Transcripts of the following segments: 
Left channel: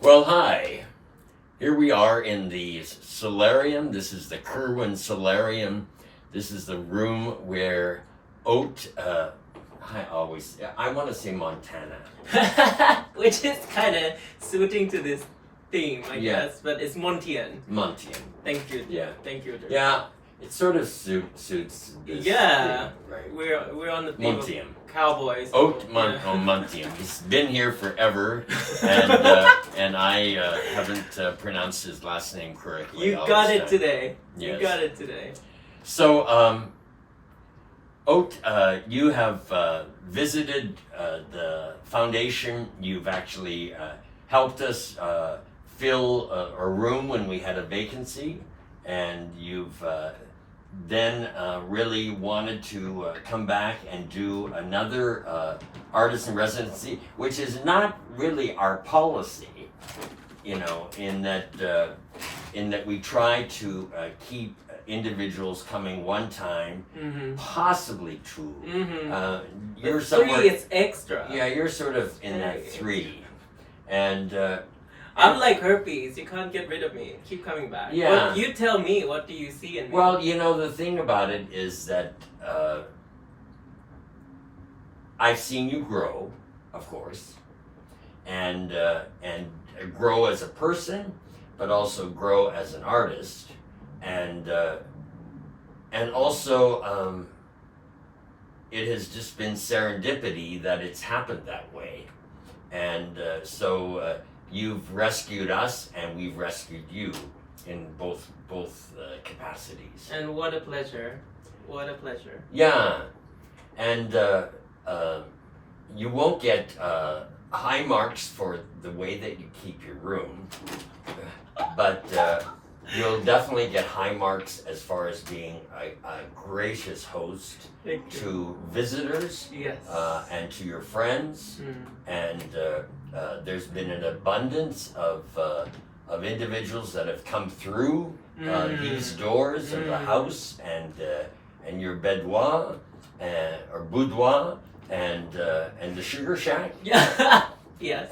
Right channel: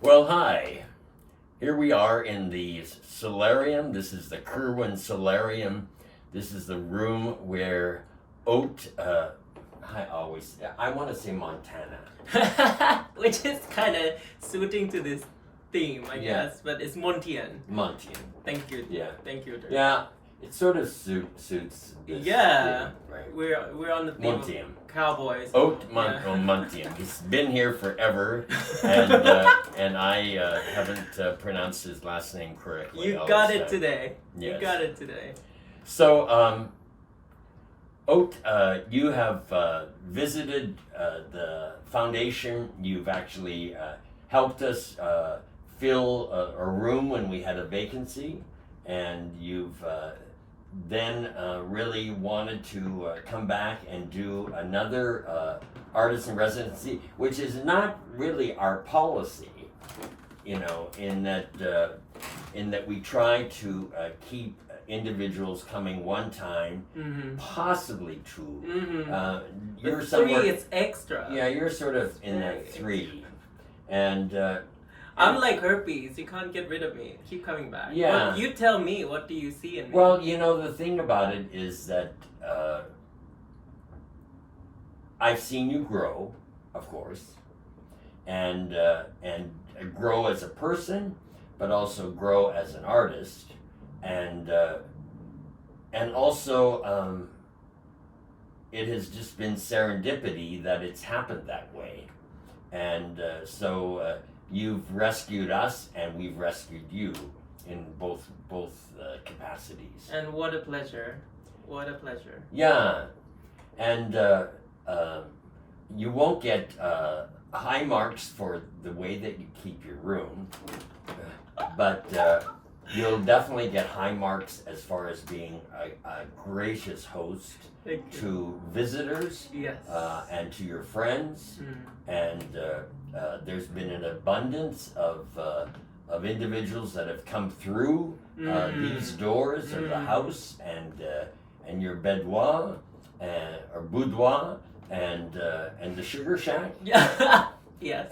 Well, hi. Here we are in the solarium. This is the Kerwin Solarium. This is the room where Oat, I want to say Montana. Which is kind of suiting to this theme, I Yeah. guess, but it's Montien. Montien. Thank you. Yeah. Thank you. Durk. Yeah, it sort of suits this Yeah. theme, right? We're on the theme Montien. of cowboys. Montien. He's been here forever, and I haven't pronounced his last name correctly. You all got this it time. today. Yes. You got it today. So, Oat, you have visited the foundation. You've actually helped us fill a room when we had a vacancy, and you've then really wanted to come back and do another artist in residency, which is not really our policy, in that we try to keep individuals coming one time, possibly two. You're But somewhere. 3 is extra. Yeah, you're sort of in that Very 3, and I'm like herpes. You can't get rid of me. Keep coming back. Yeah. Well, you tell me. What do you see in me? well, the thing about it is that I've seen you grow, of course, and grow as a person, but also grow as an artist, and also it has just been serendipity that it's happened that way, and so you've rescued us, and we've rescued you in both capacities. And what a pleasure. What a pleasure. Yeah, and you won't get high marks for the way that you keep your room, but you'll definitely get high marks as far as being a gracious host Thank you. to visitors Yes. and to your friends, Mm. and there's been an abundance of individuals that have come through these doors of the house and your boudoir or boudoir and the sugar shack, Yeah. Yes.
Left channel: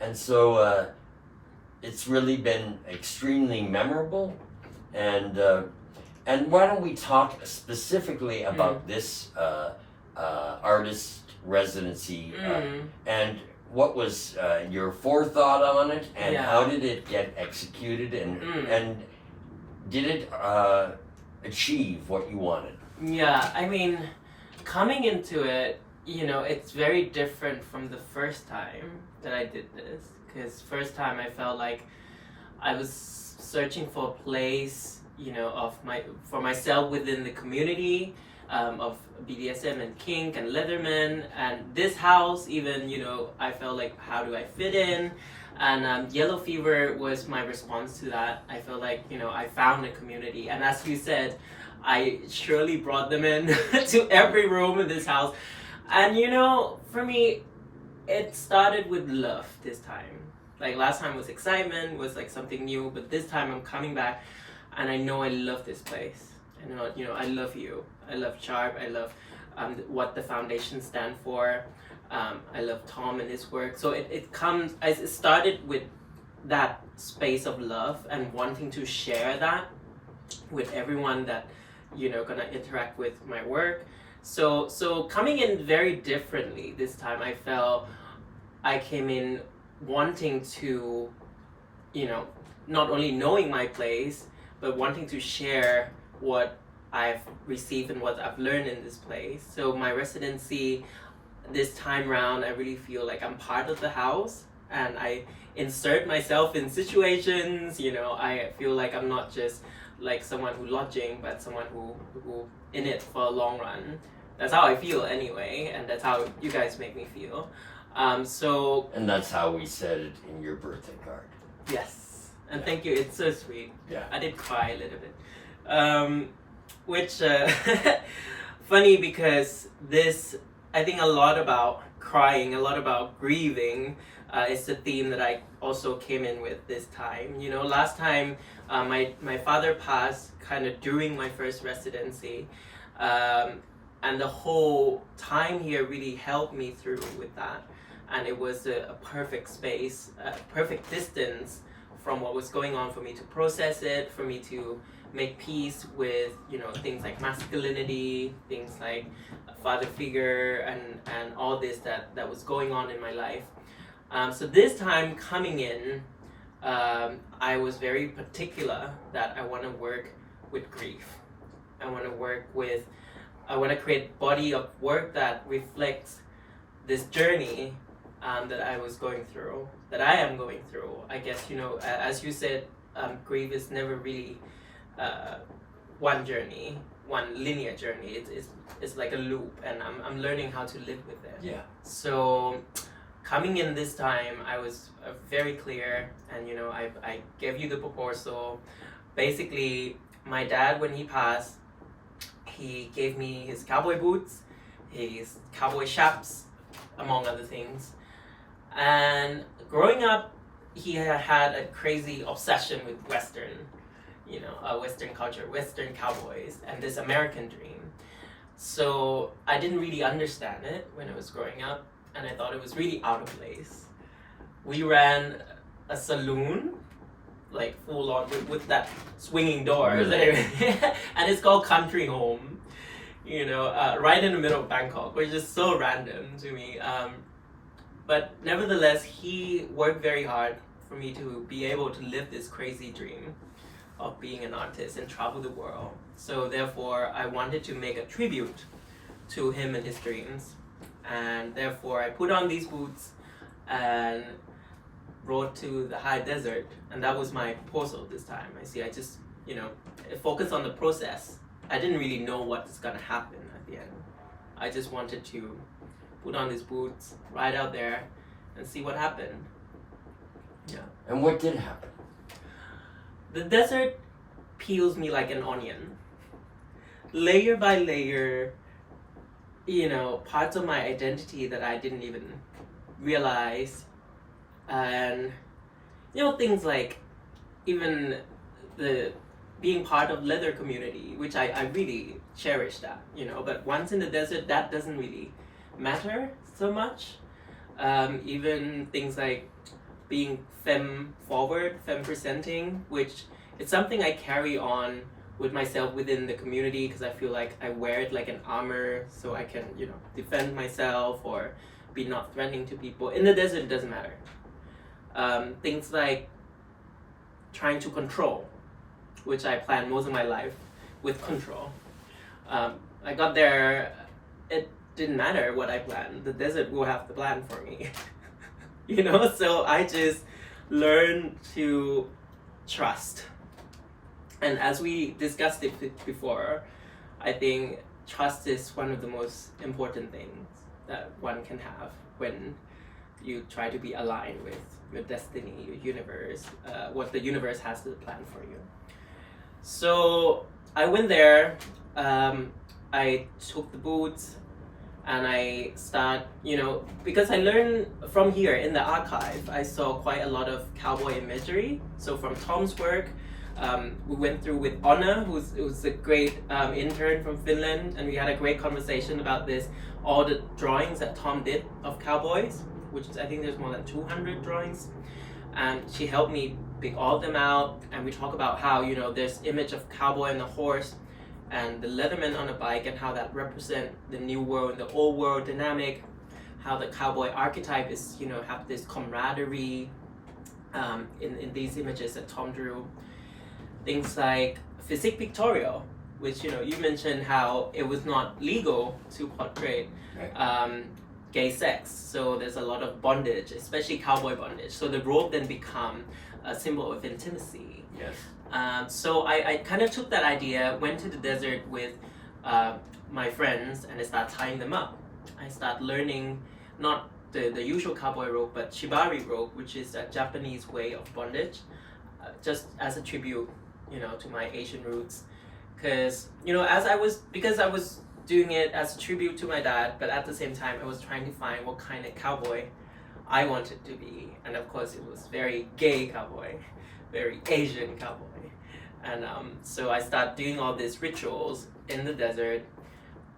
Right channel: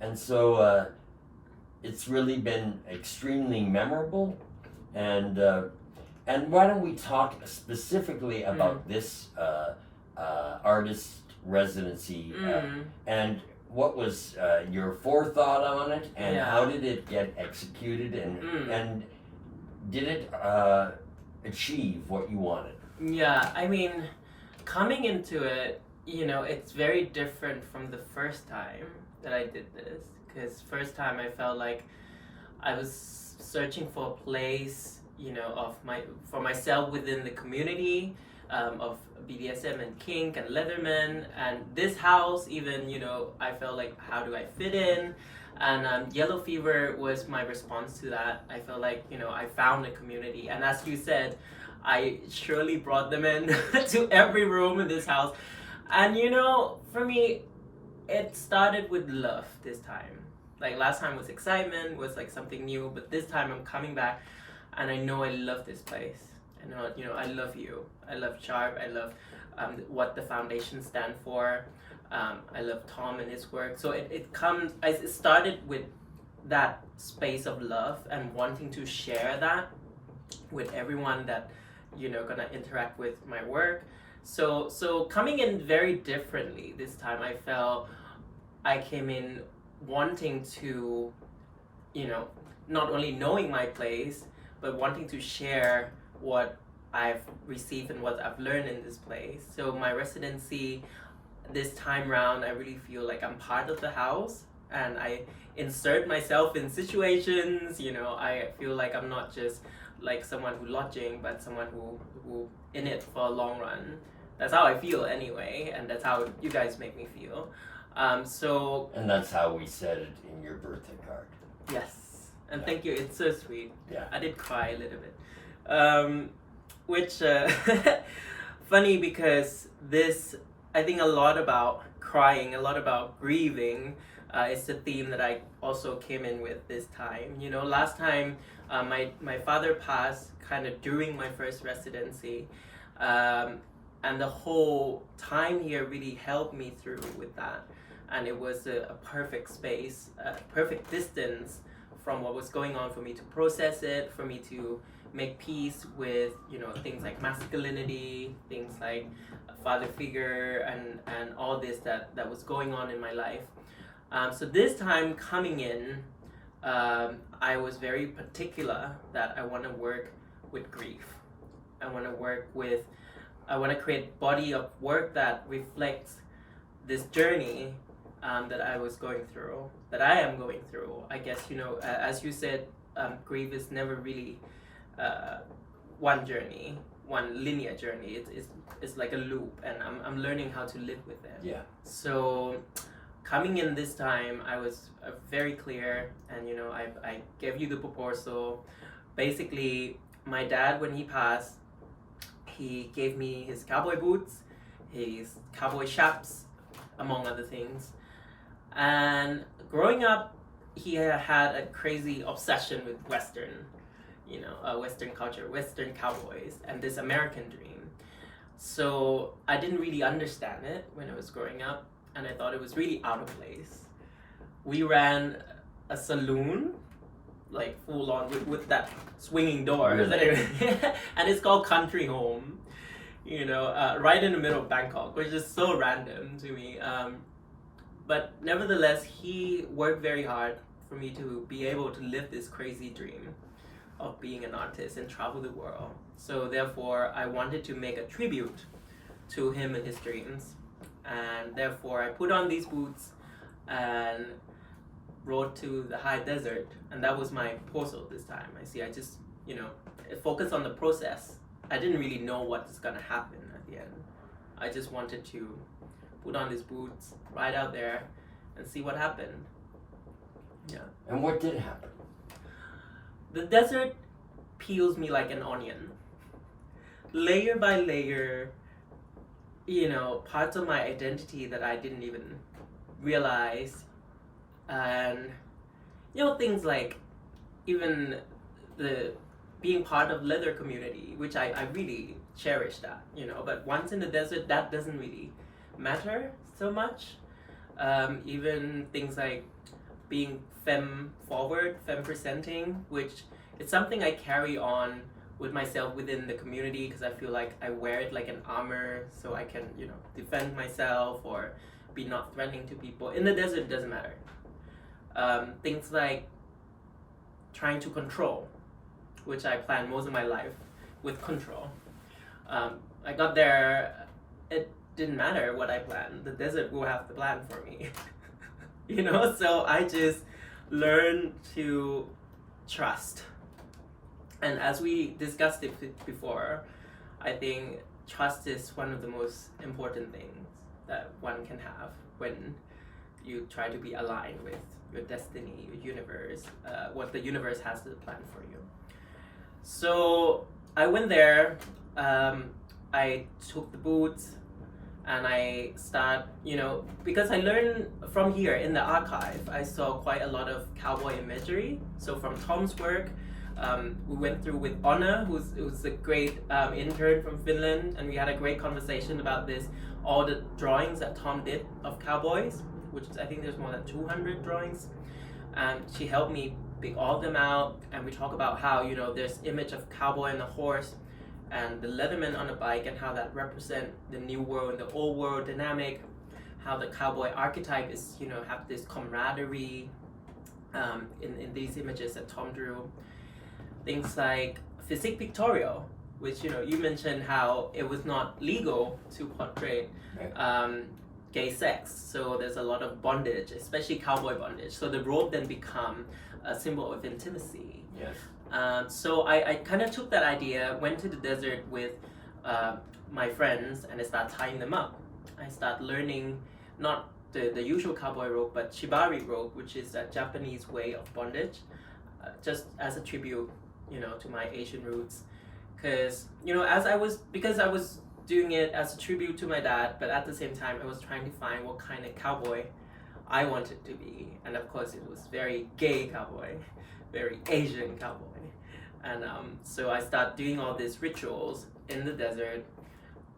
and so it's really been extremely memorable, and why don't we talk specifically about this artist residency and what was your forethought on it, and Yeah. how did it get executed, and did it achieve what you wanted? Yeah, I mean, coming into it, it's very different from the first time that I did this. Because first time I felt like I was searching for a place, for myself within the community of BDSM and kink and Leatherman, and this house even, I felt like, how do I fit in? And Yellow Fever was my response to that. I felt like, I found a community, and as you said, I surely brought them in to every room in this house. And for me, it started with love this time. Like last time was excitement, was like something new, but this time I'm coming back and I know I love this place. I know, I love you. I love Sharp. I love what the foundation stand for. I love Tom and his work. So it started with that space of love and wanting to share that with everyone that, gonna interact with my work. So coming in very differently this time, I felt I came in wanting to, not only knowing my place, but wanting to share what I've received and what I've learned in this place. So my residency this time round, I really feel like I'm part of the house, and I insert myself in situations. I feel like I'm not just like someone who lodging, but someone who in it for a long run. That's how I feel anyway, and that's how you guys make me feel. And that's how we said it in your birthday card. Yes, and Yeah. thank you. It's so sweet. Yeah. I did cry a little bit, which funny because this, I think a lot about crying, a lot about grieving. Is the theme that I also came in with this time. Last time my father passed kind of during my first residency. And the whole time here really helped me through with that. and it was a perfect space, a perfect distance from what was going on for me to process it, for me to make peace with, you know, things like masculinity, things like a father figure, and all this that was going on in my life. So this time coming in, I was very particular that I want to work with grief. I want to create body of work that reflects this journey that I was going through, that I am going through. I guess, you know, as you said, grief is never really one journey, one linear journey. It's like a loop, and I'm learning how to live with it. Yeah. So coming in this time, I was very clear, and you know, I gave you the proposal. Basically, my dad, when he passed, he gave me his cowboy boots, his cowboy chaps, among other things. And growing up, he had a crazy obsession with Western, you know, Western culture, Western cowboys, and this American dream. So I didn't really understand it when I was growing up, and I thought it was really out of place. We ran a saloon, like full on with that swinging doors, Really? and it's called Country Home, you know, right in the middle of Bangkok, which is so random to me. But nevertheless, he worked very hard for me to be able to live this crazy dream of being an artist and travel the world. So therefore, I wanted to make a tribute to him and his dreams. And therefore, I put on these boots and rode to the high desert. And that was my proposal this time. I just, you know, focused on the process. I didn't really know what's gonna happen at the end. I just wanted to put on these boots, ride out there, and see what happened. Yeah. And what did happen? The desert peels me like an onion. Layer by layer, you know, parts of my identity that I didn't even realize. And, you know, things like even the being part of leather community, which I really cherish that, you know, but once in the desert, that doesn't really matter so much. Even things like being femme forward, femme presenting, which it's something I carry on with myself within the community because I feel like I wear it like an armor so I can, you know, defend myself or be not threatening to people. In the desert, it doesn't matter. Things like trying to control, which I planned most of my life with control. I got there, it didn't matter what I planned. The desert will have the plan for me. You know, so I just learned to trust. And as we discussed it before, I think trust is one of the most important things that one can have when you try to be aligned with your destiny, your universe, what the universe has to plan for you. So I went there, I took the boots, and I start, you know, because I learned from here in the archive, I saw quite a lot of cowboy imagery. So from Tom's work, we went through with Anna, who's a great intern from Finland, and we had a great conversation about this, all the drawings that Tom did of cowboys, which is, I think there's more than 200 drawings. And she helped me pick all of them out, and we talk about how, you know, there's image of cowboy and the horse, and the leatherman on a bike, and how that represent the new world and the old world dynamic, how the cowboy archetype is, you know, have this camaraderie in these images that Tom drew. Things like physique pictorial, which, you know, you mentioned how it was not legal to portray gay sex, so there's a lot of bondage, especially cowboy bondage. So the robe then become a symbol of intimacy. Yes. So I kind of took that idea, went to the desert with my friends, and I started tying them up. I started learning not the usual cowboy rope, but shibari rope, which is a Japanese way of bondage, just as a tribute, you know, to my Asian roots. Because, you know, because I was doing it as a tribute to my dad, but at the same time, I was trying to find what kind of cowboy I wanted to be. And of course, it was very gay cowboy, very Asian cowboy. And so I started doing all these rituals in the desert,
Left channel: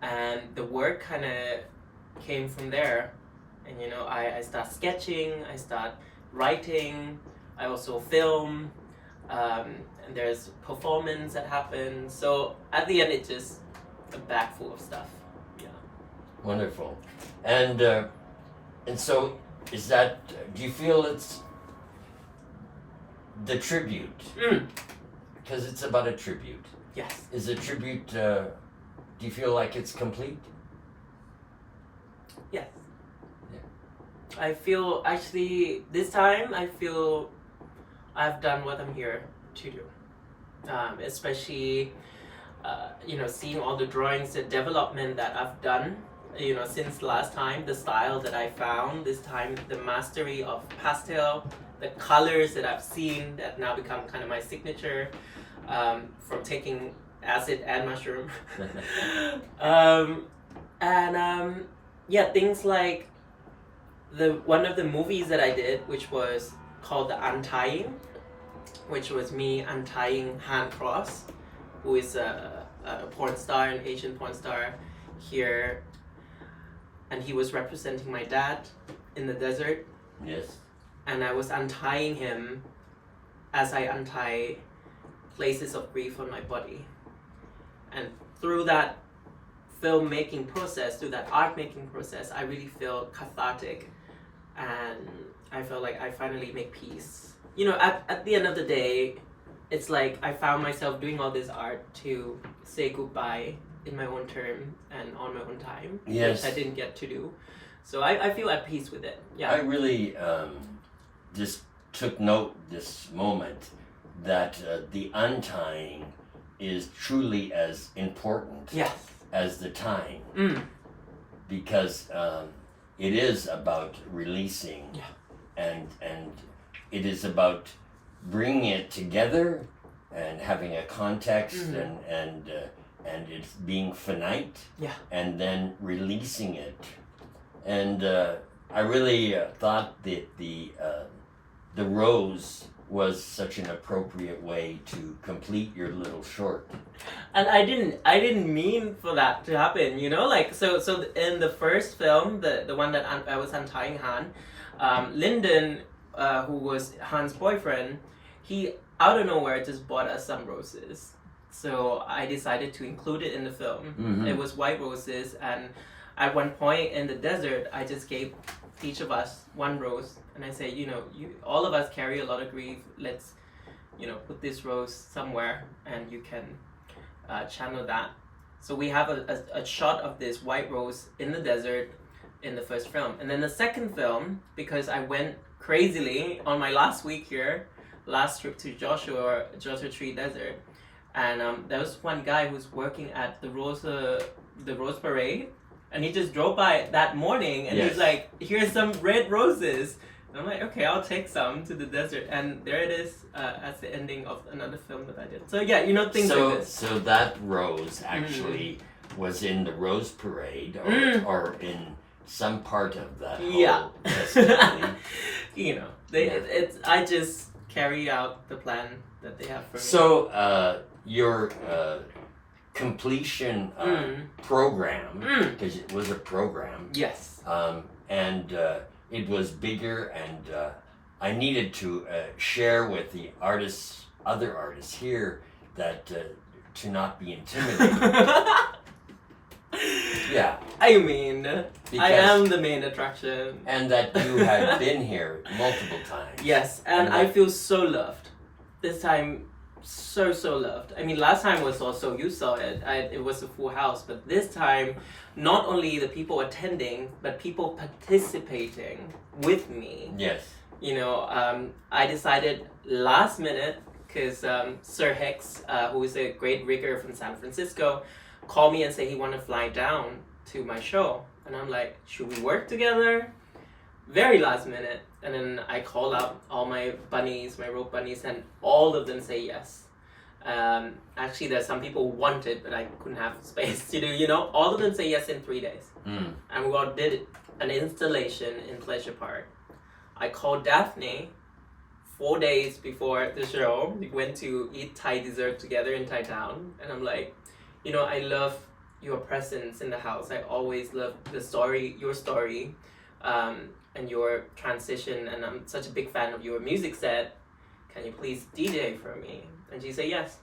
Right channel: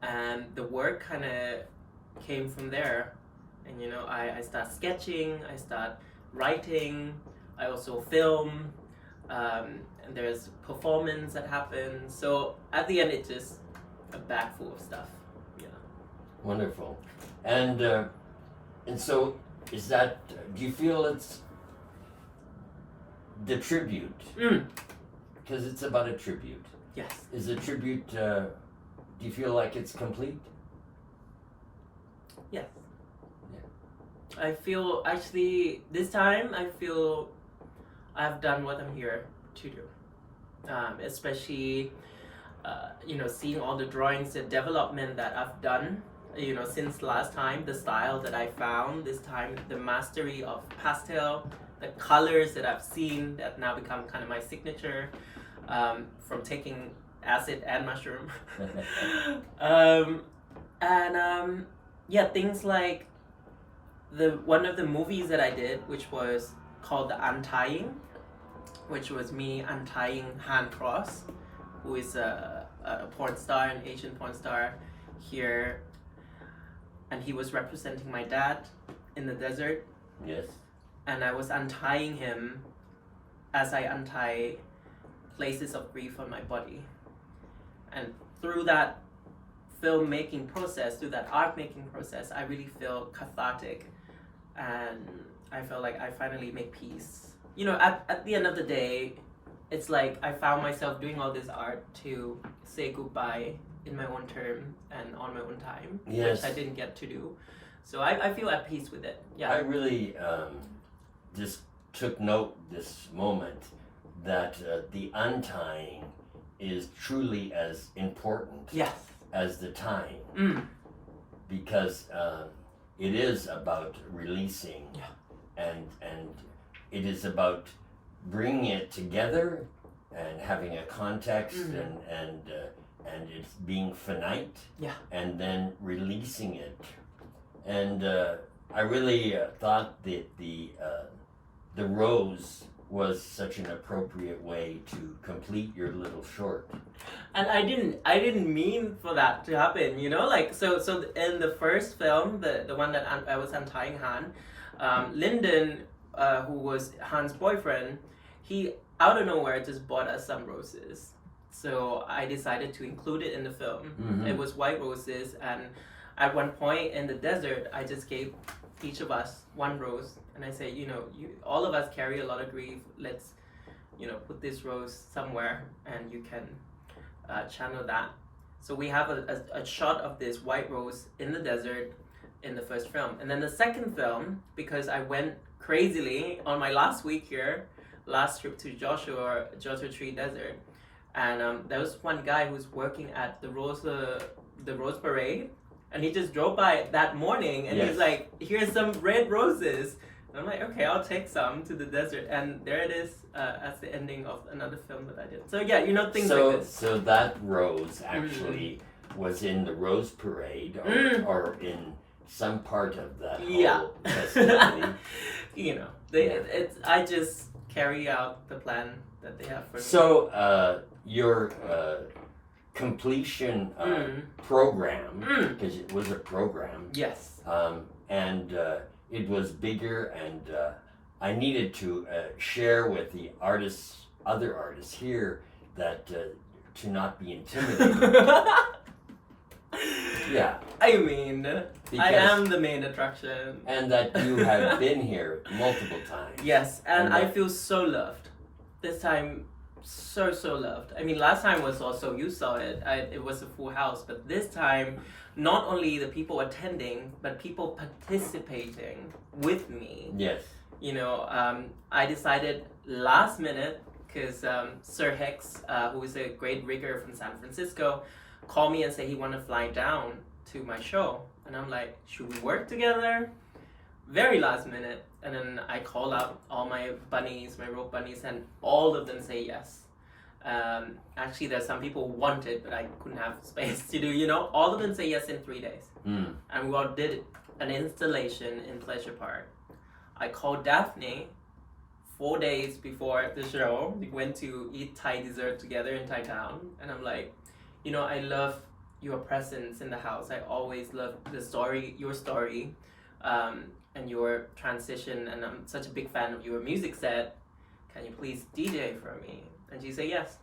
and the work kind of came from there. And you know, I start sketching, I start writing, I also film, and there's performance that happens. So at the end, it's just a bag full of stuff. Yeah. Wonderful. And so is that, do you feel it's the tribute? Because it's about a tribute. Yes. Is the tribute, do you feel like it's complete? Yes. Yeah. I feel, actually, this time, I feel I've done what I'm here to do. Especially, you know, seeing all the drawings, the development that I've done, you know, since last time, the style that I found, this time, the mastery of pastel, the colors that I've seen that now become kind of my signature, from taking acid and mushroom. Yeah, things like one of the movies that I did, which was called The Untying, which was me untying Han Cross, who is a porn star, an Asian porn star here, and he was representing my dad in the desert. Yes. And I was untying him as I untie places of grief on my body. And through that filmmaking process, through that art making process, I really feel cathartic, and I feel like I finally make peace. You know, at the end of the day, it's like I found myself doing all this art to say goodbye in my own term and on my own time, Yes. which I didn't get to do. So I feel at peace with it. Yeah. I really just took note this moment that the untying is truly as important Yes. as the tying, because it is about releasing, Yeah. and it is about bringing it together and having a context, and it's being finite, Yeah. and then releasing it. And I really thought that the rose was such an appropriate way to complete your little short. And I didn't mean for that to happen, you know, like so in the first film, the one that I was untying Han, Lyndon, who was Han's boyfriend, he out of nowhere just bought us some roses. So I decided to include it in the film. It was white roses, and at one point in the desert, I just gave each of us one rose, and I say, you know, all of us carry a lot of grief. Let's, you know, put this rose somewhere, and you can channel that. So we have a shot of this white rose in the desert in the first film, and then the second film, because I went crazily on my last week here, last trip to Joshua Tree Desert, and there was one guy who's working at the Rose Parade. And he just drove by that morning, and Yes. he's like, here's some red roses. And I'm like, okay, I'll take some to the desert. And there it is, as the ending of another film that I did. So yeah, you know, things like this. So that rose actually was in the Rose Parade, or in some part of that whole festivity. You know, I just carry out the plan that they have for me. So your completion program, because it was a program. Yes. And it was bigger, and I needed to share with the other artists here, that to not be intimidated. Yeah. I mean, I Because- am the main attraction. And that you had been here multiple times. Yes, and And I that- feel so loved. This time, so loved. I mean, last time was also, you saw it, it was a full house, but this time, not only the people attending, but people participating with me. Yes. You know, I decided last minute, because Sir Hex, who is a great rigger from San Francisco, called me and said he wanted to fly down to my show. And I'm like, should we work together? Very last minute. And then I call out all my bunnies, my rope bunnies, and all of them say yes. Actually, there's some people who wanted, but I couldn't have space to do, you know. All of them say yes in 3 days. And we all did an installation in Pleasure Park. I called Daphne 4 days before the show. We went to eat Thai dessert together in Thai town. And I'm like, you know, I love your presence in the house. I always love your story and your transition, and I'm such a big fan of your music set. Can you please DJ for me? And she said yes.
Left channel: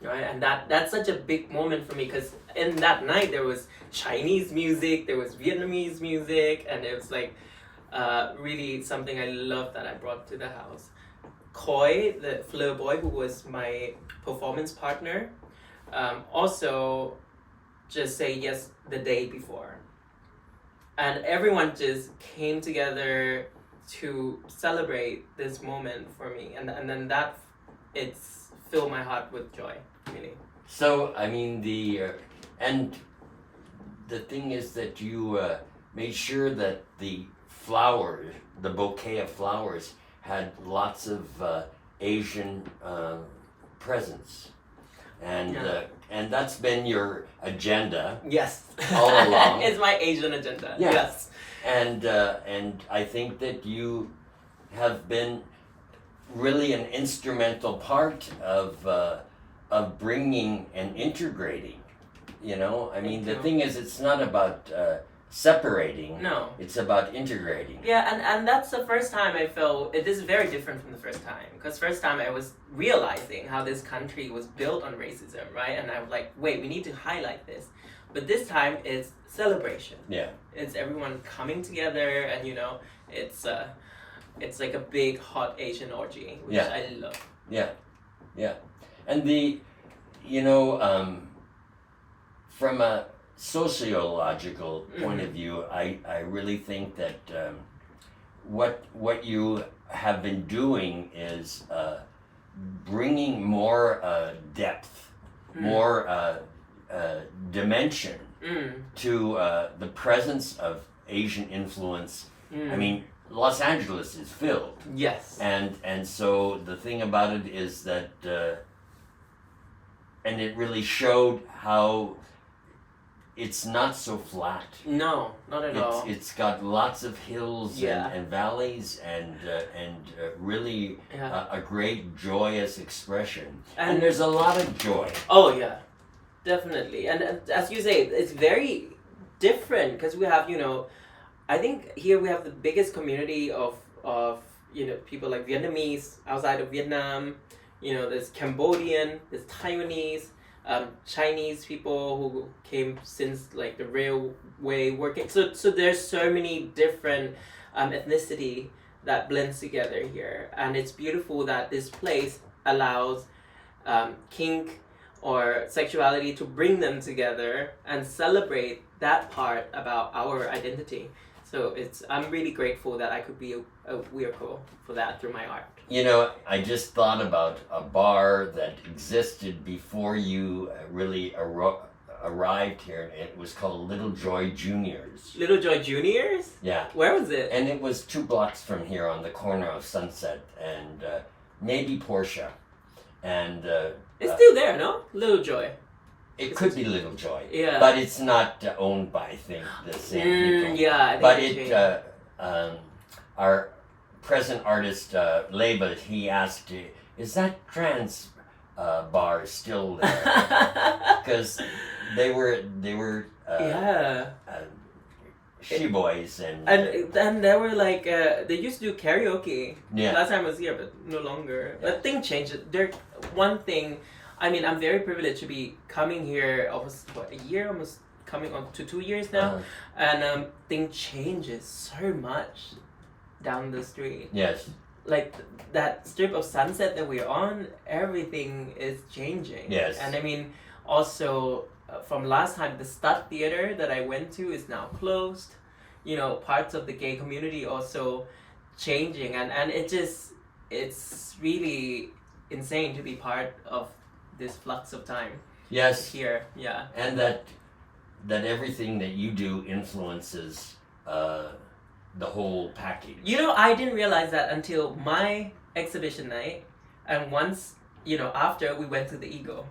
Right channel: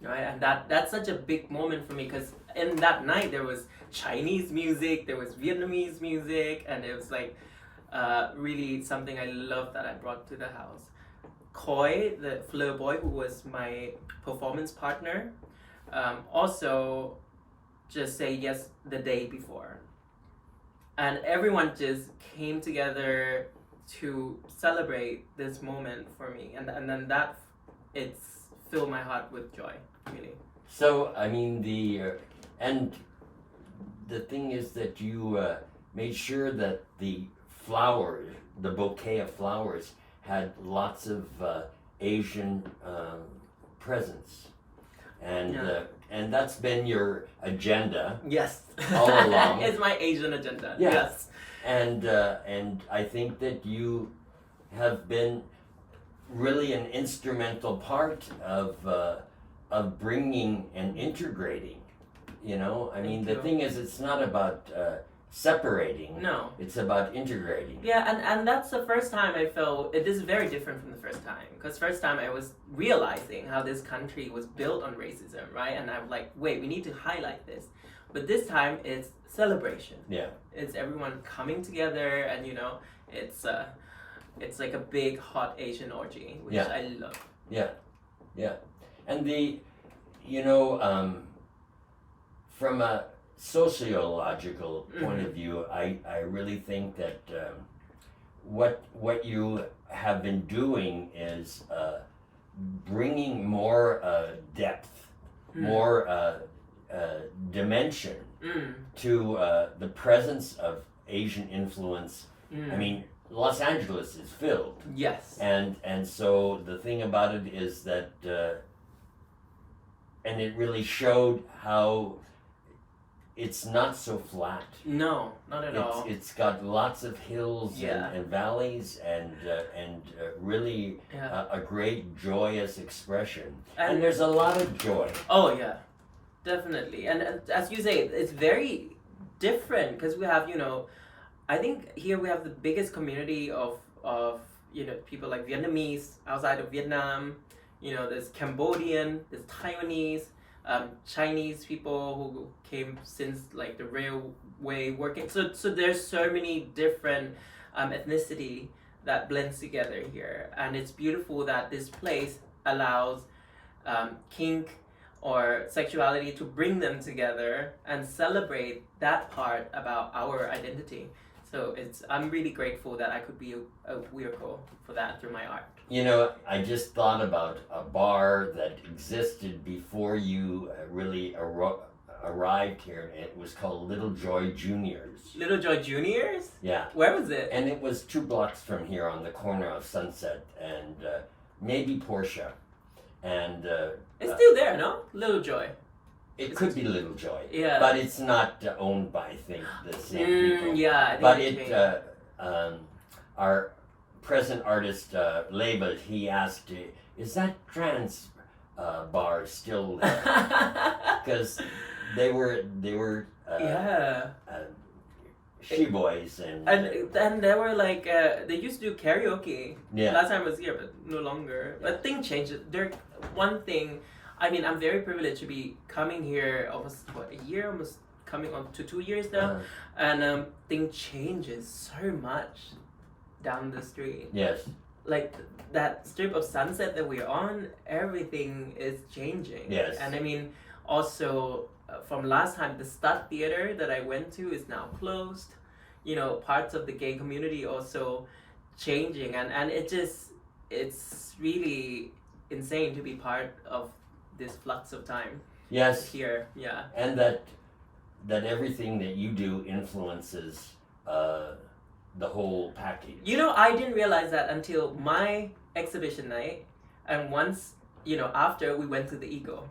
Right, and that's such a big moment for me, because in that night there was Chinese music, there was Vietnamese music, and it was like really something I love that I brought to the house. Koi, the Fleur boy, who was my performance partner, also just say yes the day before, and everyone just came together to celebrate this moment for me, and then that it's filled my heart with joy, really. So I mean and the thing is that you made sure that the bouquet of flowers, had lots of Asian presence, and that's been your agenda. Yes. All along. It's my Asian agenda. Yeah. Yes. And I think that you have been really an instrumental part of bringing and integrating. You know, I mean, the thing is, it's not about separating. No. It's about integrating. Yeah, and that's the first time I felt it is very different from the first time, because first time I was realizing how this country was built on racism, right? And I was like, wait, we need to highlight this. But this time it's celebration. Yeah. It's everyone coming together, and it's like a big hot Asian orgy, which I love. Yeah, yeah. And from a sociological point of view, I really think that what you have been doing is bringing more depth, more dimension to the presence of Asian influence. I mean, Los Angeles is filled. Yes. And so the thing about it is that, and it really showed how it's not so flat. No, not at all. It's got lots of hills and valleys and really a great joyous expression. And there's a lot of joy. Oh yeah, definitely. And as you say, it's very different, because we have, I think here we have the biggest community of people like Vietnamese outside of Vietnam. There's Cambodian, there's Taiwanese, Chinese people who came since like the railway working. So there's so many different ethnicity that blends together here, and it's beautiful that this place allows kink or sexuality to bring them together and celebrate that part about our identity. So I'm really grateful that I could be a vehicle for that through my art. I just thought about a bar that existed before you really arrived here, and it was called Little Joy Juniors. Little Joy Juniors? Yeah. Where was it? And it was 2 blocks from here on the corner of Sunset and maybe Portia. And it's still there, no? Little Joy. It could be Little Joy. Yeah. But it's not owned by, I think, the same people. Yeah, I think our present artist, Label, he asked, is that trans bar still there? Because they were she-boys and they were like they used to do karaoke. Yeah. Last time I was here, but no longer. Yeah. But thing changed. One thing, I mean, I'm very privileged to be coming here almost a year, almost coming on to 2 years now, and thing changes so much down the street. Yes. Like that strip of Sunset that we're on, everything is changing. Yes. And I mean, also from last time, the Stud Theater that I went to is now closed. Parts of the gay community also changing, and it's really insane to be part of this flux of time. Yes. Here, yeah. And that everything that you do influences the whole package. I didn't realize that until my exhibition night, and once, after we went to the Eagle.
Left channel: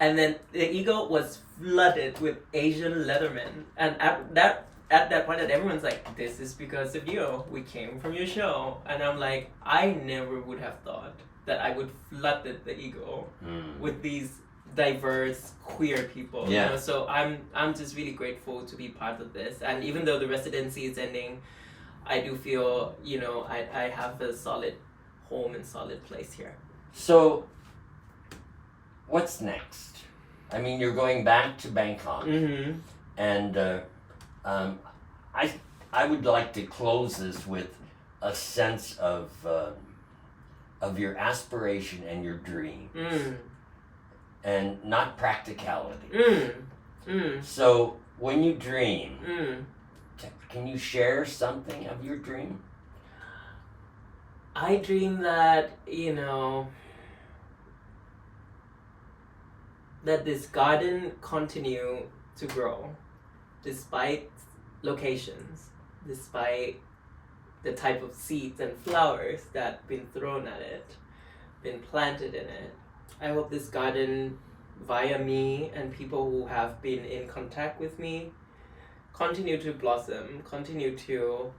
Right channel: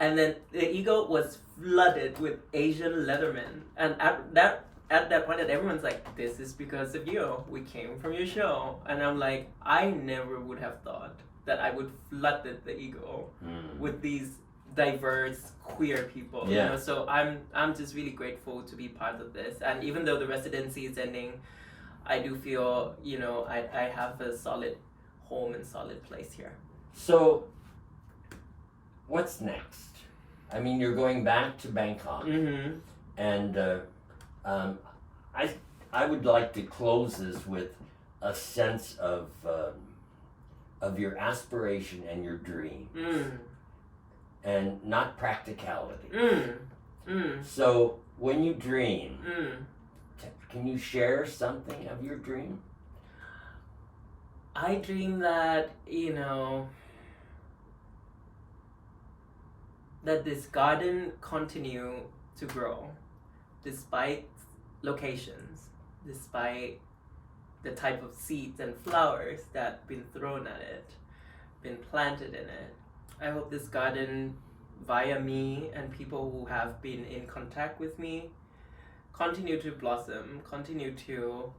And then the Eagle was flooded with Asian lettermen. And at that point, everyone's like, this is because of you. We came from your show. And I'm like, I never would have thought that I would flood the Eagle with these diverse queer people. Yeah. You know? So I'm just really grateful to be part of this. And even though the residency is ending, I do feel, you know, I have a solid home and solid place here. So, what's next? I mean, you're going back to Bangkok, Mm-hmm. and I would like to close this with a sense of your aspiration and your dream, and not practicality. So, when you dream, can you share something of your dream? I dream that, you know, that this garden continue to grow despite locations, despite the type of seeds and flowers that been thrown at it, been planted in it. I hope this garden, via me and people who have been in contact with me, continue to blossom, continue to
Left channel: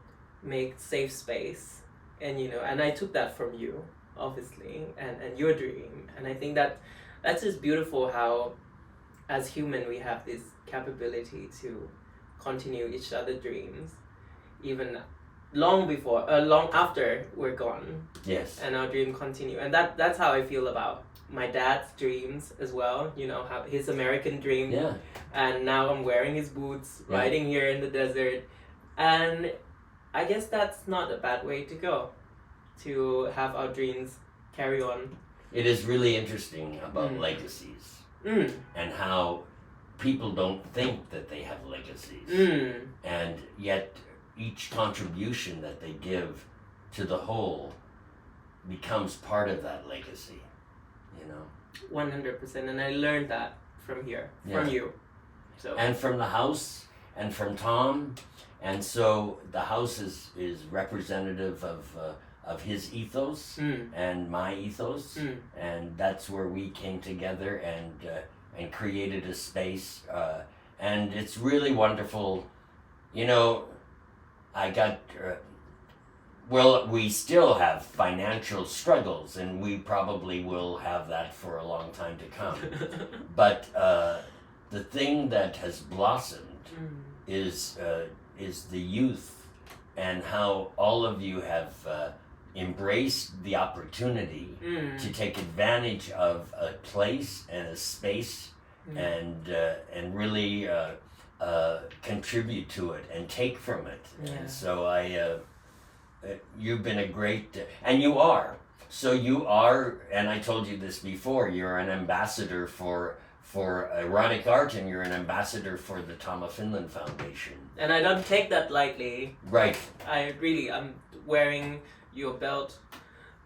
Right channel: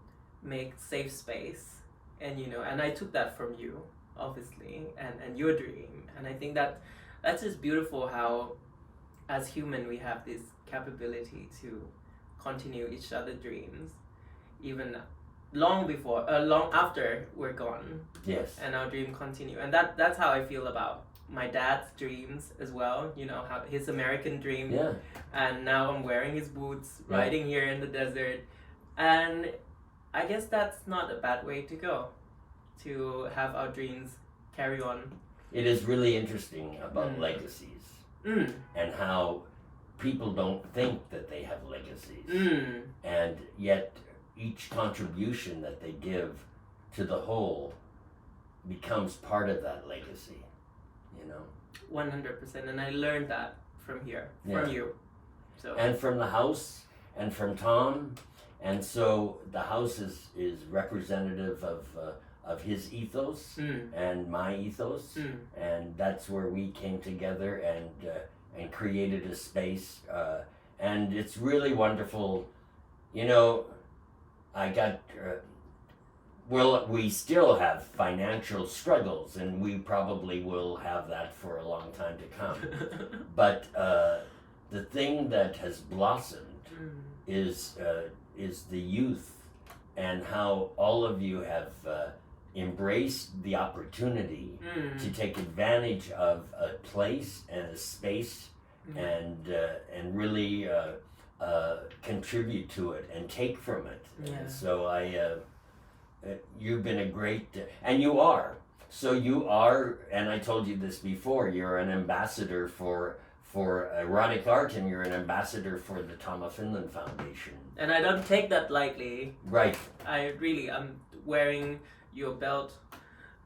make safe space. And you know, and I took that from you, obviously, and your dream. And I think that that's just beautiful how as human we have this capability to continue each other's dreams, even long after we're gone. Yes. And our dream continue. And that's how I feel about my dad's dreams as well, you know, how his American dream. Yeah. And now I'm wearing his boots, riding here in the desert. And I guess that's not a bad way to go, to have our dreams carry on. It is really interesting about legacies and how people don't think that they have legacies. And yet each contribution that they give to the whole becomes part of that legacy, you know. 100%. And I learned that from here, from you. So. And from the house and from Tom. And so the house is representative of his ethos and my ethos, and that's where we came together and created a space, and it's really wonderful. You know, I got well, we still have financial struggles, and we probably will have that for a long time to come. But the thing that has blossomed is the youth, and how all of you have embraced the opportunity to take advantage of a place and a space and really contribute to it and take from it. And so you've been a great, and you are. So you are, and I told you this before, you're an ambassador for erotic art, and you're an ambassador for the Tom of Finland Foundation. And I don't take that lightly. Right. I'm wearing your belt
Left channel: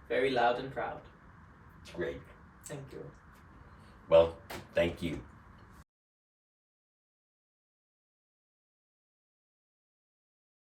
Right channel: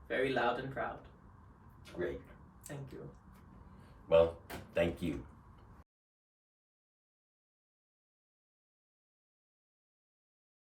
very loud and proud. Great. Thank you. Well, thank you.